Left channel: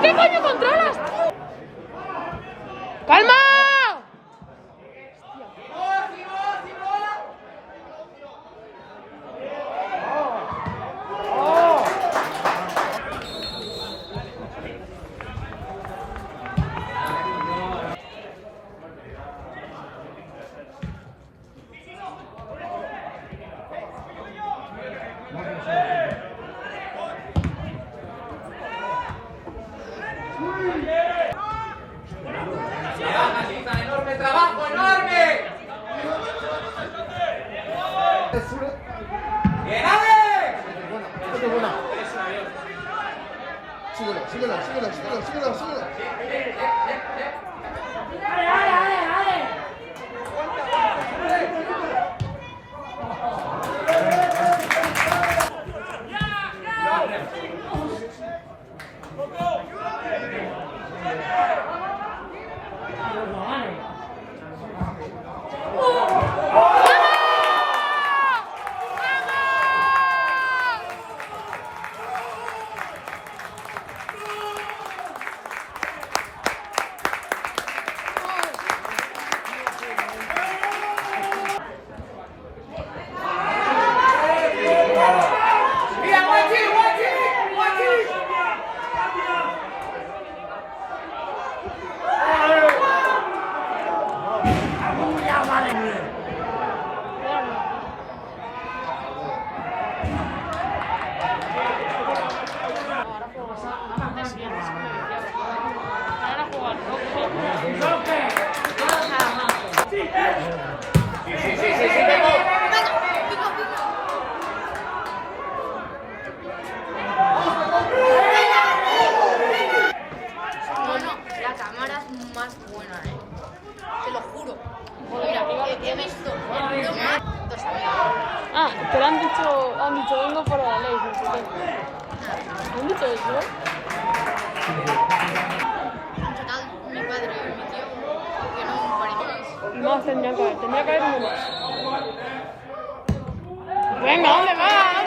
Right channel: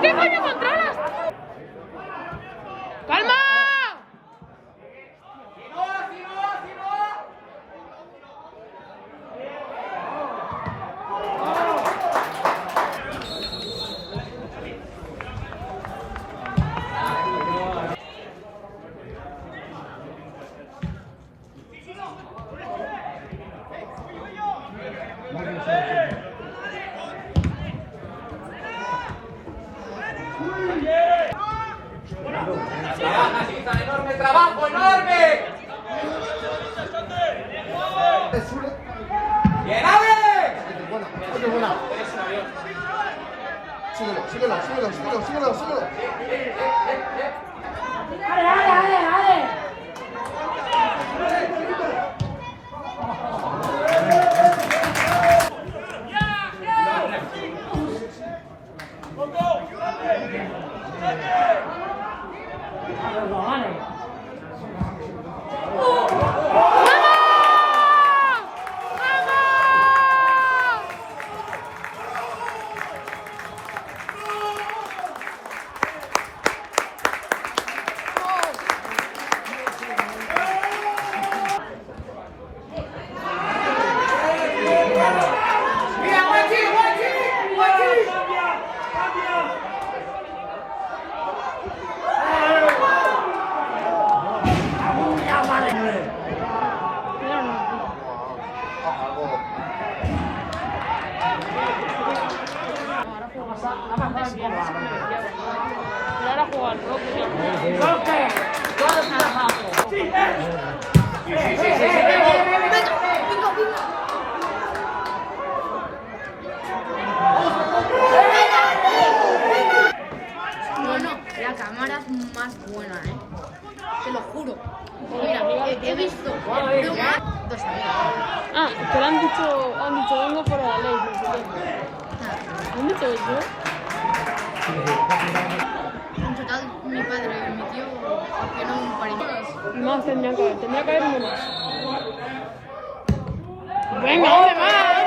¿Pero qué coño controlas, tío? ¡Calma! ¡Enorme trabajo, enorme! ¡Bien, Ale! Síguelo. ¡Ale! Ahora jugar, Bueno, la cámara es más buena, te lo juro. Mira, he visto bromas. Ah, te lo han dicho vengo por la ley. ¿Han dicho eso? En total, mi padre me metió que no me pareció. No, tendría que haber uno más. Venga, va.